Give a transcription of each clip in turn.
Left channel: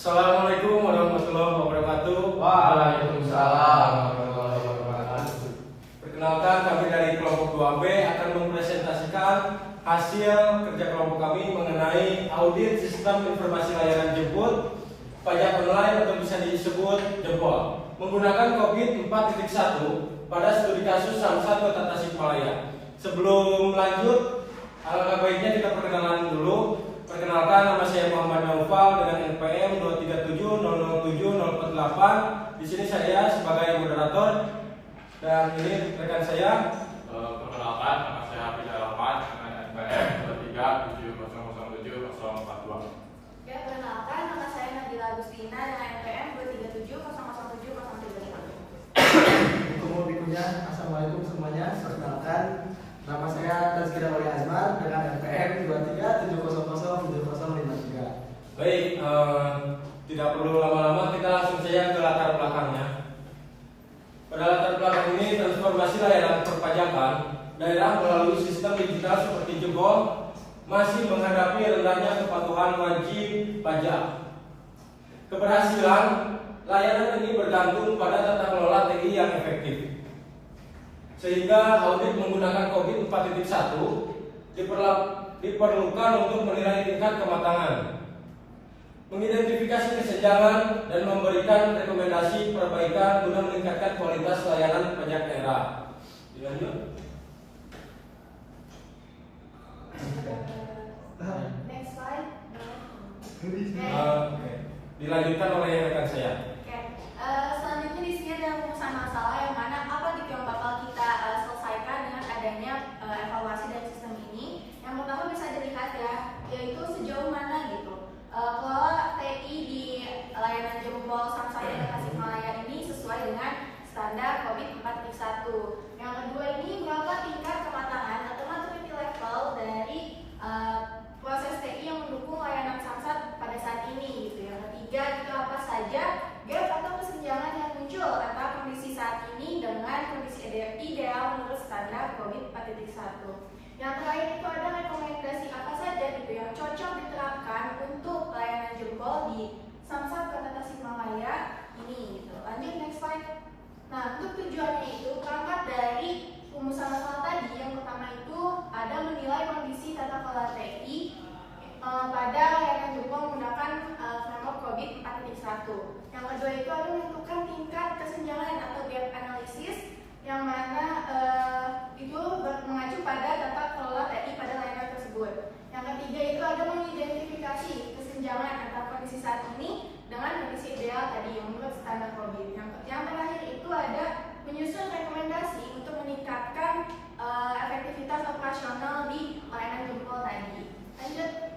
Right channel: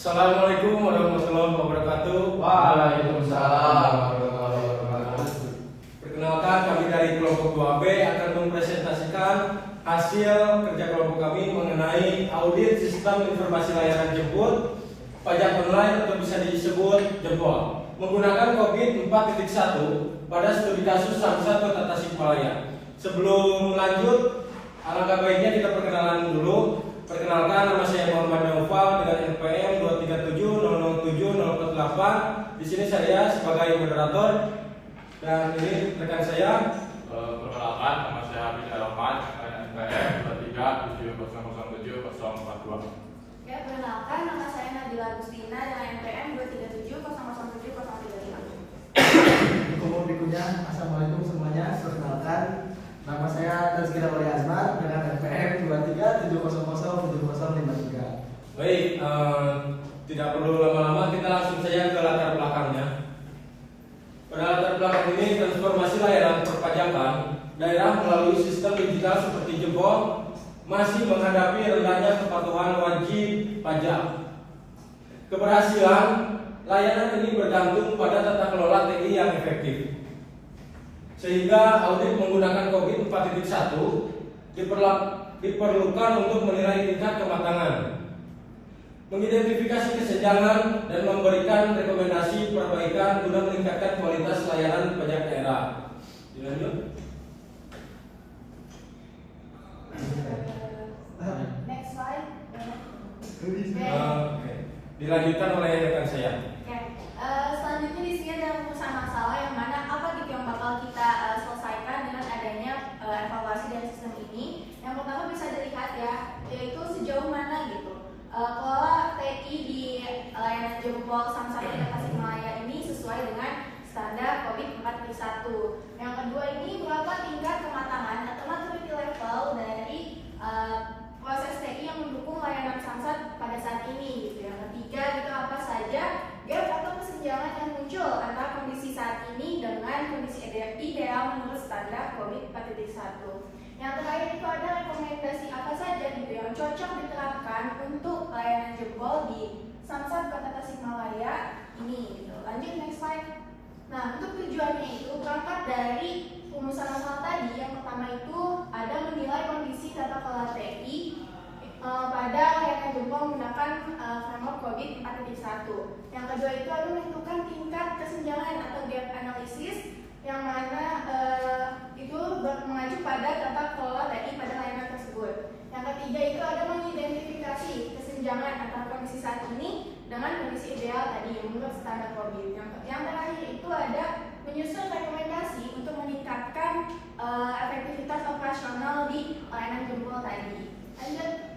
Assalamualaikum warahmatullahi wabarakatuh. Waalaikumsalam warahmatullahi wabarakatuh. Perkenalkan, kami dari kelompok 2B akan mempresentasikan hasil kerja kelompok kami mengenai audit sistem informasi layanan jemput pajak online atau bisa disebut jempol menggunakan COVID 4.1 pada studi kasus Samsat Kota Tasikmalaya. Sebelum lanjut, alangkah baiknya kita perkenalan dulu. Perkenalkan, nama saya Muhammad Naufal dengan NPM 237007048. Di sini saya sebagai moderator dan ini rekan saya. Perkenalkan, nama saya Hafiz Rahman dengan NPM 237007042. Ya, perkenalkan, nama saya Nadila Agustina dengan NPM 237007035. Bikunya, assalamualaikum semuanya. Perkenalkan, nama saya Tazkira Wali Azmar dengan NPM 237007053. Baik, tidak perlu lama-lama, kita langsung saja ke latar belakangnya. Pada latar belakang ini, transformasi layanan perpajakan daerah melalui sistem digital seperti jempol masih menghadapi rendahnya kepatuhan wajib pajak. Keberhasilan layanan ini bergantung pada tata kelola TI yang efektif. Sehingga audit menggunakan COVID 4.1 diperlukan untuk menilai tingkat kematangan, mengidentifikasi kesenjangan, dan memberikan rekomendasi perbaikan guna meningkatkan kualitas layanan pajak daerah. Dilanjut. Next slide. Oke. Dilanjutkan oleh rekan saya. Oke. Selanjutnya di sini ada rumusan masalah yang mana apa gitu yang bakal kita selesaikan dengan adanya evaluasi dari sistem ini. Yang pertama bisa dilihat ya, yaitu sejauh mana gitu kelola TI di layanan jempol Samsat Kota Tasikmalaya ini sesuai dengan standar COVID 4.1. Yang kedua ini berapa tingkat kematangan atau maturity level dari proses TI yang mendukung layanan Samsat pada saat ini gitu. Yang ketiga gitu, apa saja gap atau kesenjangan yang muncul antara kondisi saat ini dengan kondisi ideal menurut standar COVID 4.1. Yang terakhir itu ada rekomendasi apa saja gitu yang cocok diterapkan untuk layanan jempol di Samsat Kota Tasikmalaya ini gitu. Lanjut next slide. Nah, untuk tujuannya itu berangkat dari rumusan masalah tadi. Yang pertama itu ada menilai kondisi tata kelola TI pada layanan jempol menggunakan framework COVID 4.1. Yang kedua itu ada menentukan tingkat kesenjangan atau gap analysis yang mana itu mengacu pada tata kelola TI pada layanan tersebut. Yang ketiga itu ada mengidentifikasi kesenjangan antara kondisi saat ini dengan kondisi ideal tadi yang menurut standar COVID. Yang terakhir itu ada menyusun rekomendasi untuk meningkatkan efektivitas operasional di layanan jempol tadi. Lanjut.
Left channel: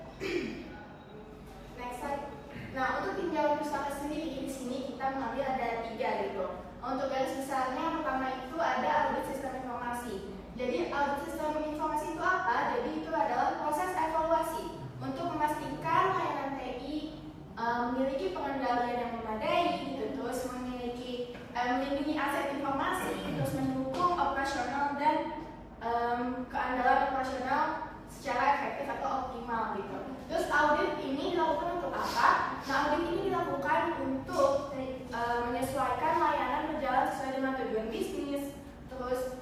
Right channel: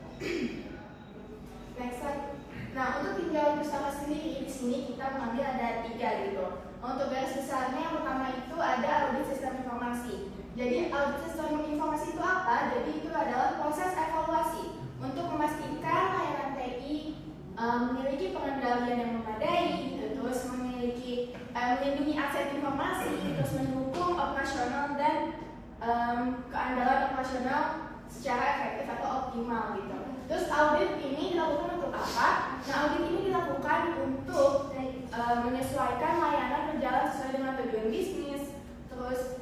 Next slide. Nah, untuk tinggal bersama sendiri di sini kita mengambil ada 3 gitu. Untuk garis besarnya yang pertama itu ada audit sistem informasi. Jadi audit sistem informasi itu apa? Jadi itu adalah proses evaluasi untuk memastikan layanan TI memiliki pengendalian yang memadai, gitu, terus memiliki melindungi aset informasi, terus mendukung operasional dan keandalan operasional secara efektif atau optimal gitu. Terus audit ini dilakukan untuk apa? Nah, audit ini dilakukan untuk menyesuaikan layanan berjalan sesuai dengan tujuan bisnis, terus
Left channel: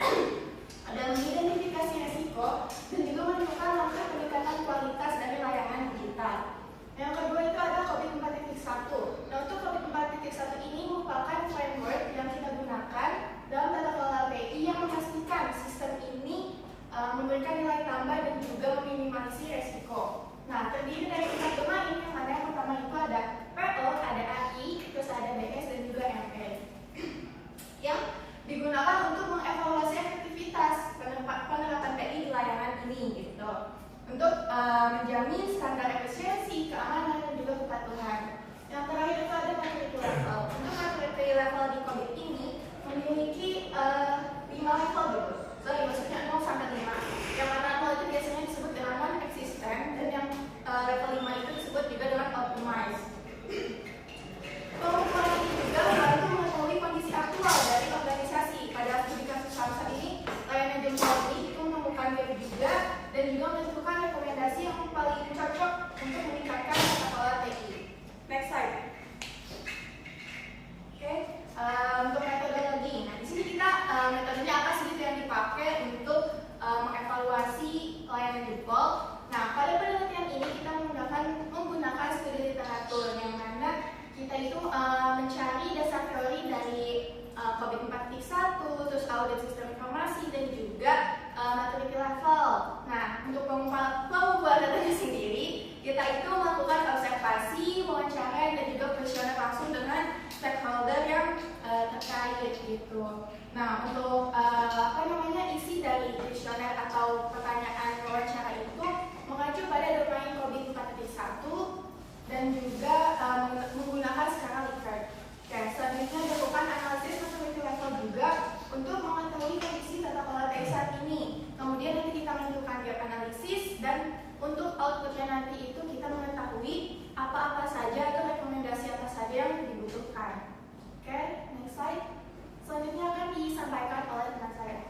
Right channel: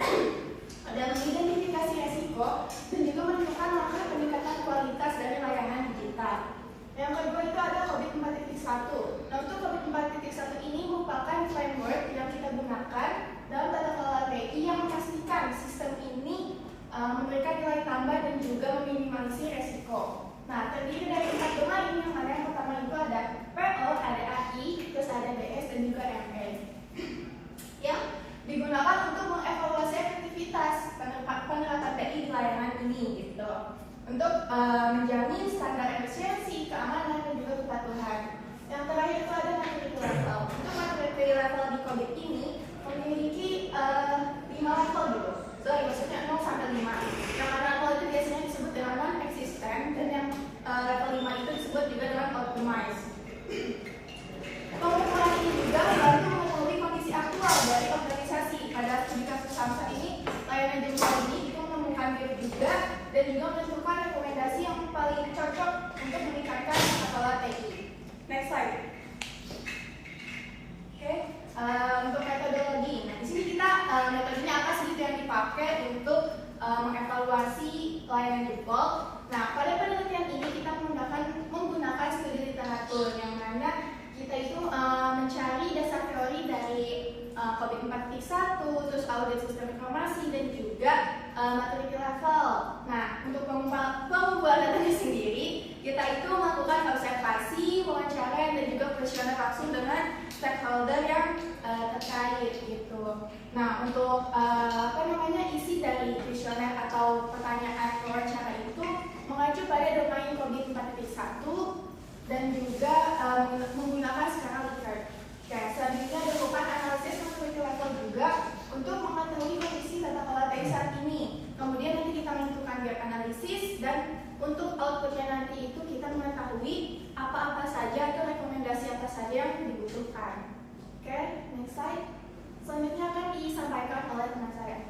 ada mengidentifikasi resiko dan juga menentukan langkah peningkatan kualitas dari layanan digital. Yang kedua itu ada COVID 4.1. Nah, untuk COVID 4.1 ini merupakan framework yang kita gunakan dalam tata kelola TI yang memastikan sistem ini memberikan nilai tambah dan juga meminimalisir resiko. Nah, terdiri dari 4 domain yang mana yang pertama itu ada PO, ada AI, terus ada DS dan juga MA yang digunakan untuk mengevaluasi efektivitas penerapan TI di layanan ini gitu, untuk menjamin standar efisiensi, keamanan dan juga kepatuhan. Yang terakhir itu ada maturity level. Untuk maturity level di COVID ini memiliki 5 level gitu. Maksudnya 0 sampai 5. Yang mana level itu biasanya disebut dengan non-existent dan yang level 5 itu disebut juga dengan optimized. Pengukuran ini juga membantu mengetahui kondisi aktual dari organisasi. Pada studi kasus Samsat ini, layanan jempol ini itu menemukan gap juga dan juga menentukan rekomendasi yang paling cocok untuk meningkatkan tata kelola TI. Next slide. COVID 4.1, terus audit sistem informasi, dan juga maturity level. Nah, untuk pengumpulan datanya sendiri, kita itu melakukan observasi, wawancara, dan juga kuesioner langsung dengan stakeholder yang terkait gitu. Nah, untuk isi dari kuesioner atau pertanyaan wawancara itu mengacu pada domain COVID 4.1 dan juga menggunakan skala Likert. Oke, selanjutnya dilakukan analisis maturity level juga untuk mengetahui kondisi tata kelola TI saat ini. Kemudian nanti kita menentukan gap analisis, dan untuk outputnya nanti itu kita mengetahui apa-apa saja atau rekomendasi apa saja yang dibutuhkan. Oke, next slide. Selanjutnya akan disampaikan oleh teman saya.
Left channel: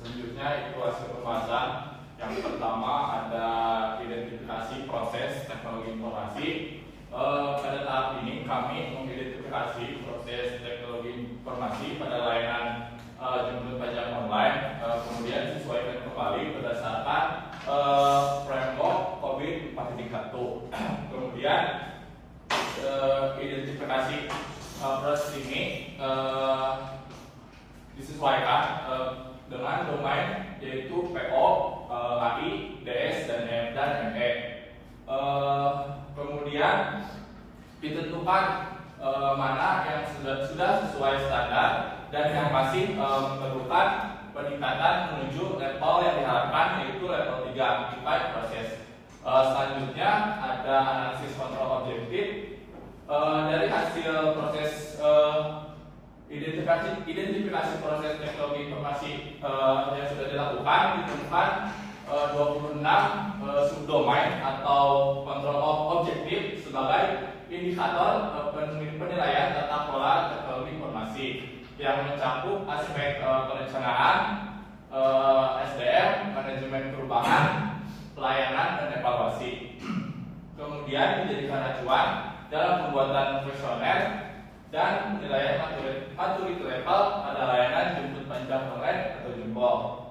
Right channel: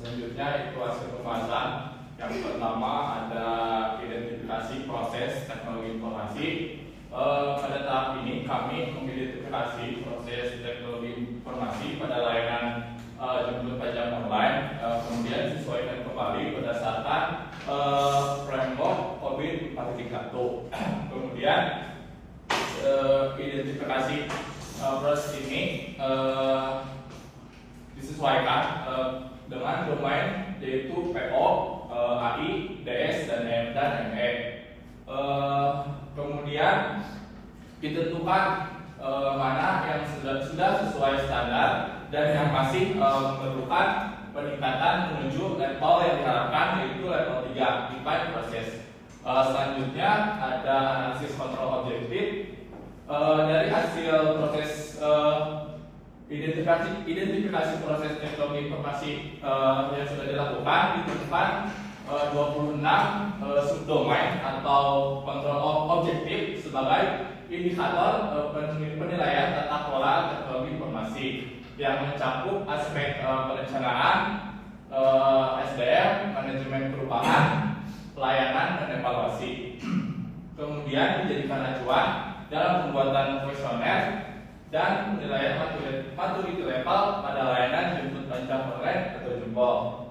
Selanjutnya itu hasil pembahasan. Yang pertama ada identifikasi proses teknologi informasi. Pada tahap ini kami mengidentifikasi proses teknologi informasi pada layanan jemput pajak online, kemudian disesuaikan kembali berdasarkan framework COVID 4.1. Kemudian identifikasi proses ini disesuaikan dengan domain yaitu PO, HI, DS, dan ME. Kemudian ditentukan mana yang sudah sesuai standar dan yang masih memerlukan peningkatan menuju level yang diharapkan, yaitu level 3 define proses. Selanjutnya ada analisis kontrol objektif. Dari hasil proses identifikasi proses teknologi informasi yang sudah dilakukan, ditemukan 26 subdomain atau kontrol objektif sebagai indikator penilaian tata kelola teknologi informasi yang mencakup aspek perencanaan, SDM, manajemen perubahan, pelayanan, dan evaluasi. Kemudian dijadikan acuan dalam pembuatan kuesioner dan penilaian maturity level pada layanan jemput pajak online atau jempol.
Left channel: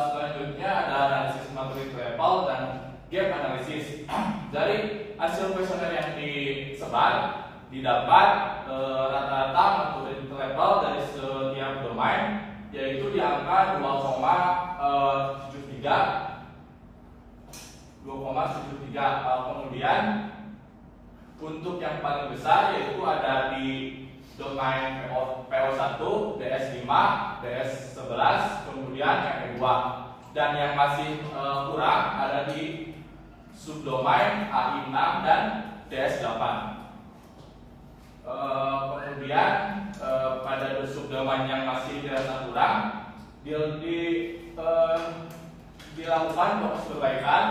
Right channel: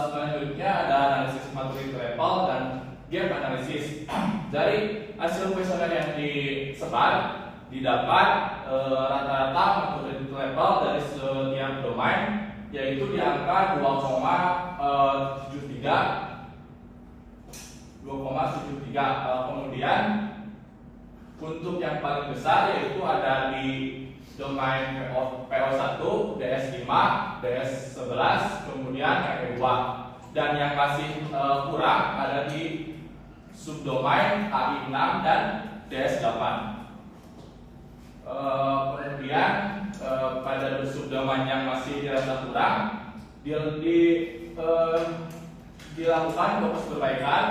Selanjutnya ada analisis maturity level dan gap analisis. Dari hasil kuesioner yang disebar didapat rata-rata maturity level dari setiap domain yaitu di angka 2,73. Kemudian untuk yang paling besar yaitu ada di domain PO1, DS5, DS11, kemudian RE2. Dan yang masih kurang ada di subdomain AI6 dan DS8. Kemudian pada subdomain yang masih dirasa kurang dilakukan perbaikan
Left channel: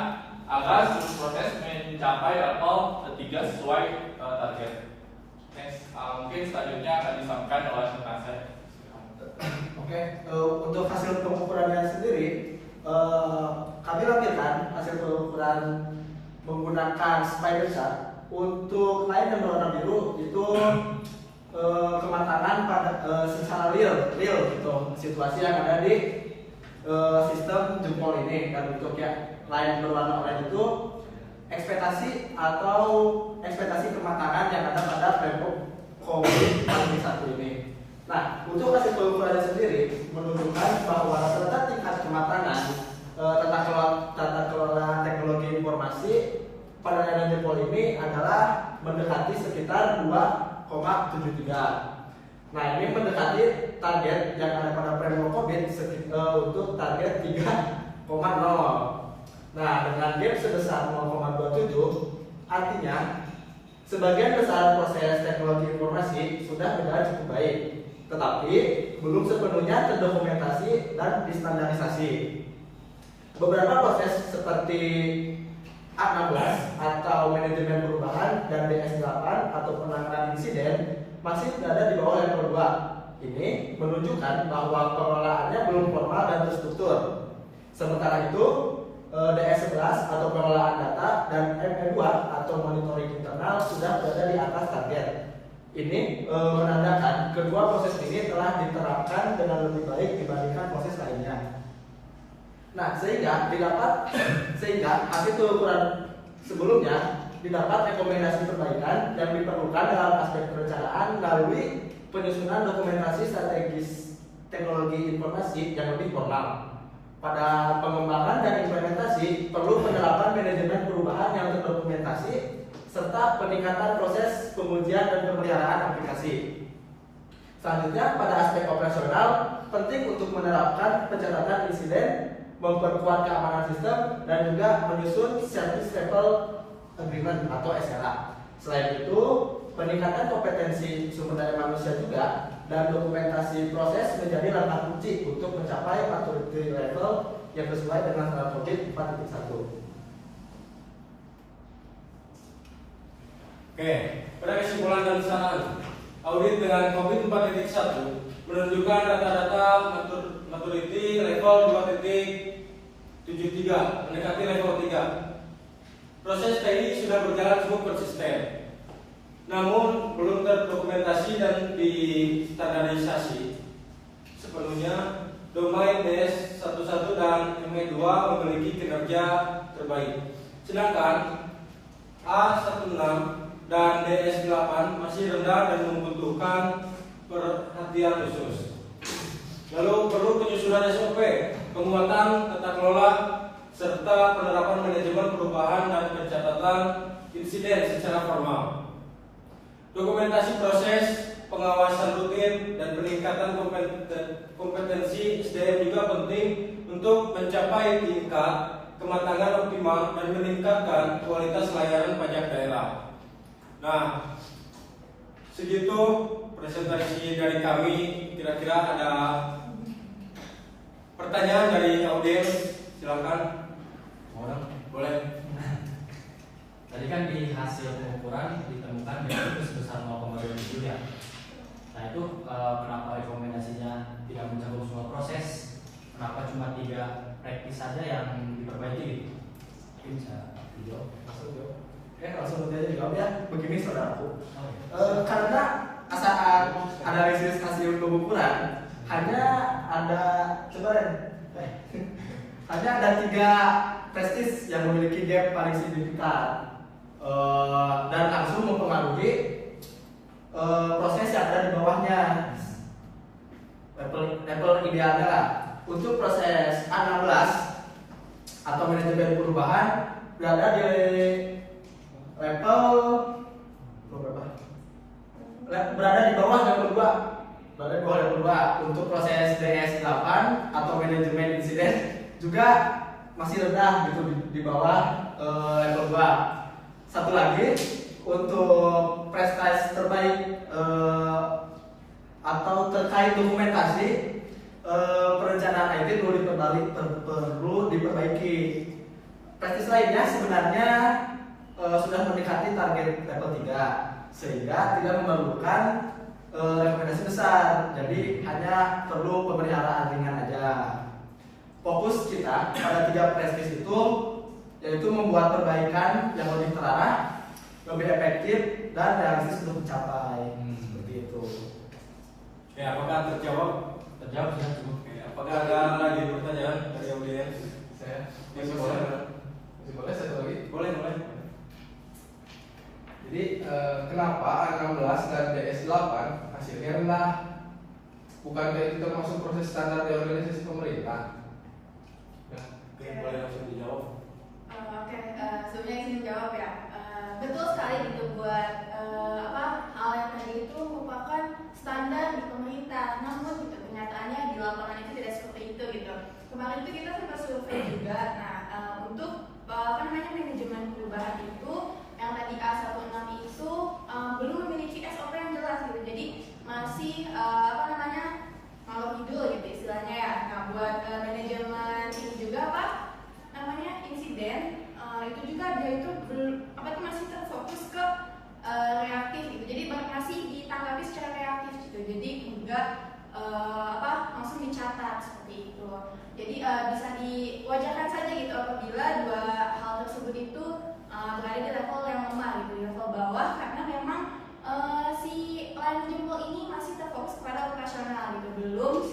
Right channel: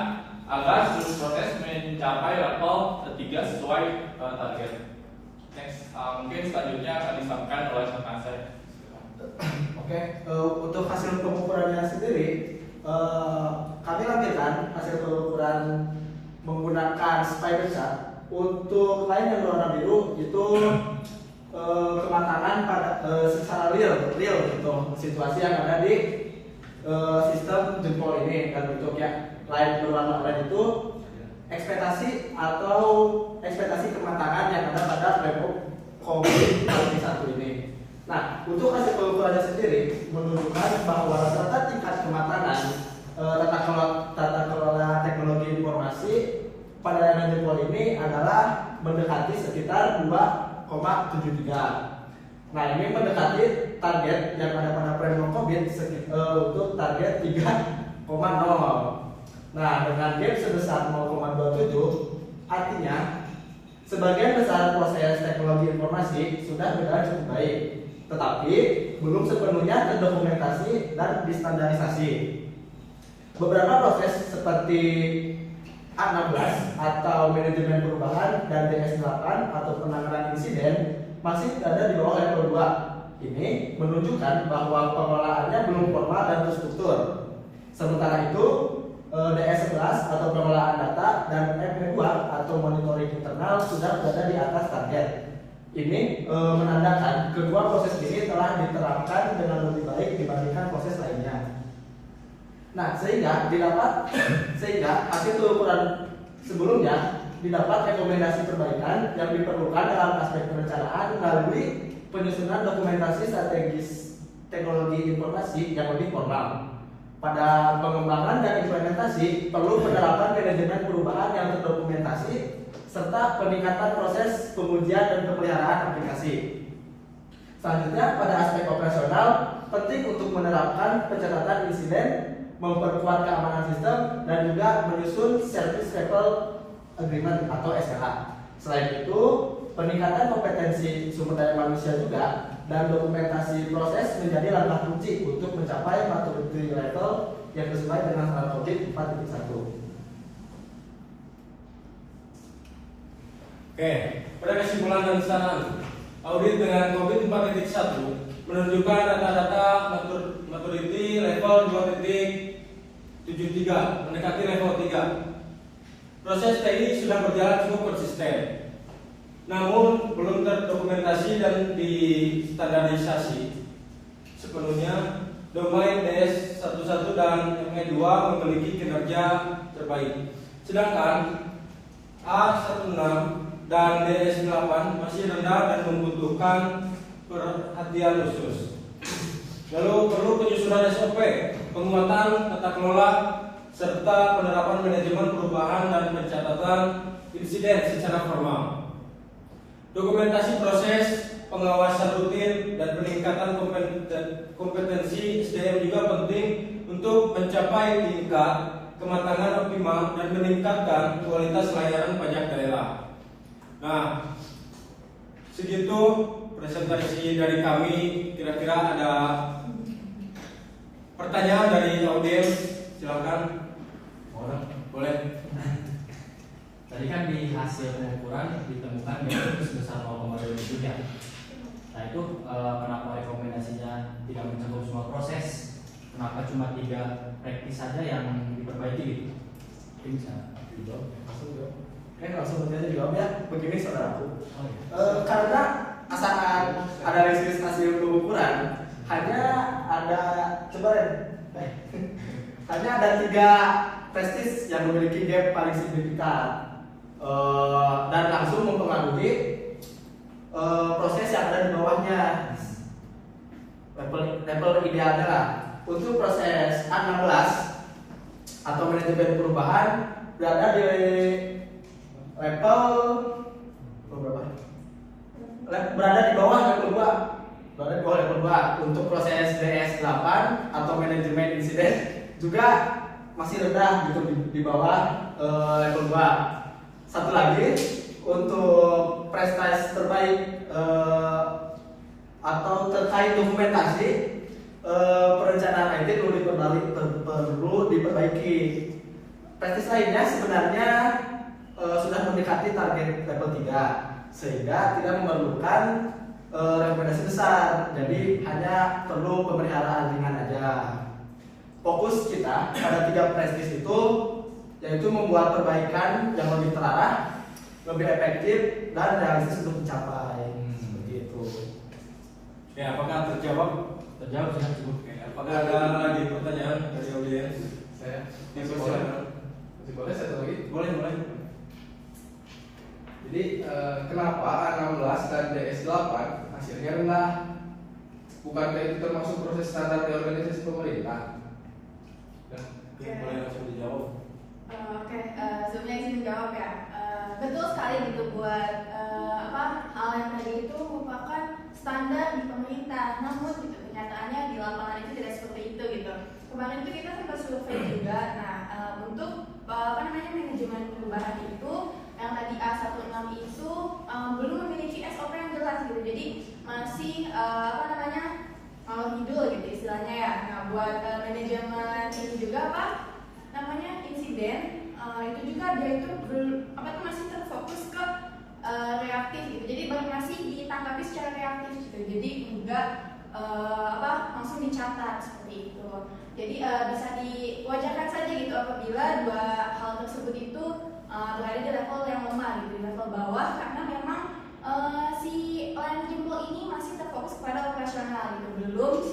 agar seluruh proses mencapai level 3 sesuai target. Next, mungkin selanjutnya akan disampaikan oleh rekan saya. Oke, untuk hasil pengukurannya sendiri, kami lampirkan hasil pengukuran menggunakan spider chart. Untuk lain yang warna biru itu kematangan pada secara real gitu situasi yang ada di sistem jempol ini. Dan untuk yang lain berwarna oranye itu ekspektasi kematangan yang ada pada framework COVID 1 ini. Nah, untuk hasil pengukurannya sendiri menunjukkan bahwa rata-rata tingkat kematangan tata kelola teknologi informasi pada layanan jempol ini adalah mendekati sekitar 2,73. Nah, ini mendekati target yang ada pada framework COVID untuk target 3,0. Nah, dengan gap sebesar 0,27, artinya sebagian besar proses teknologi informasi sudah berjalan cukup baik, tetapi belum sepenuhnya terdokumentasi dan distandarisasi. Beberapa proses seperti A16 atau manajemen perubahan dan DS8 atau penanganan insiden masih berada di bawah level 2. Ini menunjukkan bahwa pengelolaannya belum formal dan terstruktur. Sementara itu, DS11 atau pengelolaan data dan ME2 atau monitoring internal sudah berada di atas target. Ini menandakan kedua proses ini telah diterapkan dengan lebih baik dibandingkan proses lainnya. Nah, sehingga hasil pengukuran sebelumnya didapat rekomendasi perbaikan yang diperlukan dalam aspek perencanaan melalui penyusunan dokumentasi strategis teknologi informasi yang lebih formal. Pada pengembangan dan implementasi perlu penerapan manajemen perubahan yang terdokumentasi serta peningkatan proses pengujian dan pemeliharaan aplikasi. Selanjutnya, pada aspek operasional penting untuk menerapkan pencatatan insiden, memperkuat keamanan sistem, dan juga menyusun service level agreement atau SLA. Selain itu, peningkatan kompetensi sumber daya manusia juga dan dokumentasi proses menjadi langkah kunci untuk mencapai maturity level yang sesuai dengan standar COVID 4.1. Oke, pada kesimpulan dan saran, audit dengan COVID 4.1 menunjukkan data-data maturity level 2.73 mendekati level 3. Proses teknik sudah berjalan cukup konsisten, namun belum terdokumentasi dan distandarisasi sepenuhnya. Domain DS11 dan ME2 memiliki kinerja terbaik, sedangkan A16 dan DS8 masih rendah dan membutuhkan perhatian khusus. Lalu perlu penyusunan SOP, penguatan tata kelola, serta penerapan manajemen perubahan dan pencatatan insiden secara formal. Dokumentasi proses, pengawasan rutin, dan peningkatan kompetensi SDM juga penting untuk mencapai tingkat kematangan optimal dan meningkatkan kualitas layanan pajak daerah. Nah, segitu presentasi dari kami. Kira-kira ada pertanyaan dari audiens? Silakan. Orang boleh. Tadi kan di hasil pengukuran ditemukan defisit sebesar 0,23. Nah itu kenapa rekomendasinya tidak mencakup semua proses? Kenapa cuma 3 praktis saja yang diperbaiki? Mungkin bisa dijawab. Langsung jawab. Langsung dijawab ya. Begini saudaraku. Oh, iya. Karena saat ada rilis hasil pengukuran hanya ada hanya ada 3 prestis yang memiliki gap paling signifikan dan langsung mempengaruhi proses yang ada di bawahnya. Level idealnya lah. Untuk proses A16 atau manajemen perubahan berada di level berapa? Berada di bawah level 2. Berada di bawah level 2. Untuk proses DS8 atau manajemen insiden juga masih rendah gitu di bawah level 2. Satu lagi, untuk prestasi terbaik atau terkait dokumentasi perencanaan IT perlu diperbaiki. Prestasi lainnya sebenarnya sudah mendekati target level 3 sehingga tidak memerlukan rekomendasi besar, jadi hanya perlu pemeliharaan ringan aja. Fokus kita pada 3 prestis itu yaitu membuat perbaikan yang lebih terarah, lebih efektif dan realistis untuk dicapai. Seperti itu. Ya, apakah terjawab? Terjawab sudah cukup. Apakah ada lagi pertanyaan dari audiens? Saya Dipersilakan. masih boleh satu lagi. Boleh. Jadi kenapa A16 dan DS8 hasilnya rendah? Bukankah itu termasuk proses standar di organisasi pemerintah? Boleh langsung dijawab. Oke, sebelumnya izin jawab ya. Betul sekali gitu buat hal yang tadi itu merupakan standar di pemerintah. Namun gitu kenyataannya di lapangan itu tidak seperti itu gitu. Kemarin itu kita sempat survei juga. Nah, untuk manajemen perubahan itu yang tadi A16 itu belum memiliki SOP yang jelas gitu. Jadi masih ngidul gitu istilahnya ya. Nah, buat manajemen ini juga insiden itu juga dia itu masih terfokus ke reaktif gitu. Jadi masih ditanggapi secara reaktif gitu. Jadi enggak langsung dicatat seperti itu. Jadi bisa diwajarkan saja gitu apabila 2 hal tersebut itu berada di level yang lemah gitu, di level bawah, karena memang si layanan jempol ini masih terfokus pada operasional gitu, belum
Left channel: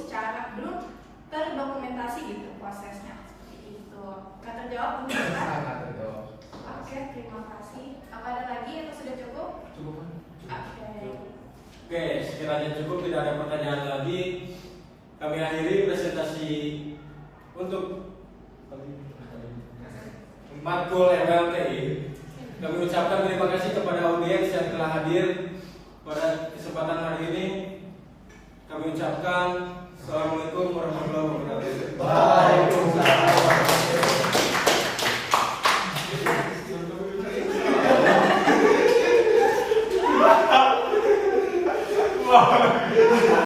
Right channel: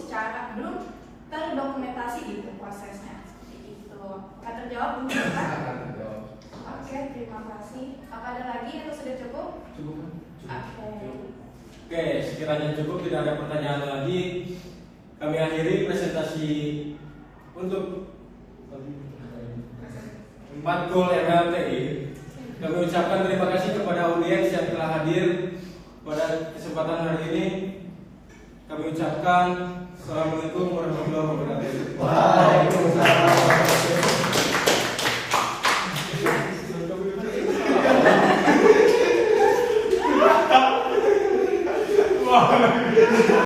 terdokumentasi gitu prosesnya seperti itu. Akan terjawab belum? Sangat terjawab. Oke, terima kasih. Apa ada lagi atau sudah cukup? Cukup. Oke. Oke, sekiranya cukup, tidak ada pertanyaan lagi, kami akhiri presentasi untuk matkul MLTI. Kami ucapkan terima kasih kepada audiens yang telah hadir pada kesempatan hari ini. Kami ucapkan Assalamualaikum warahmatullahi wabarakatuh.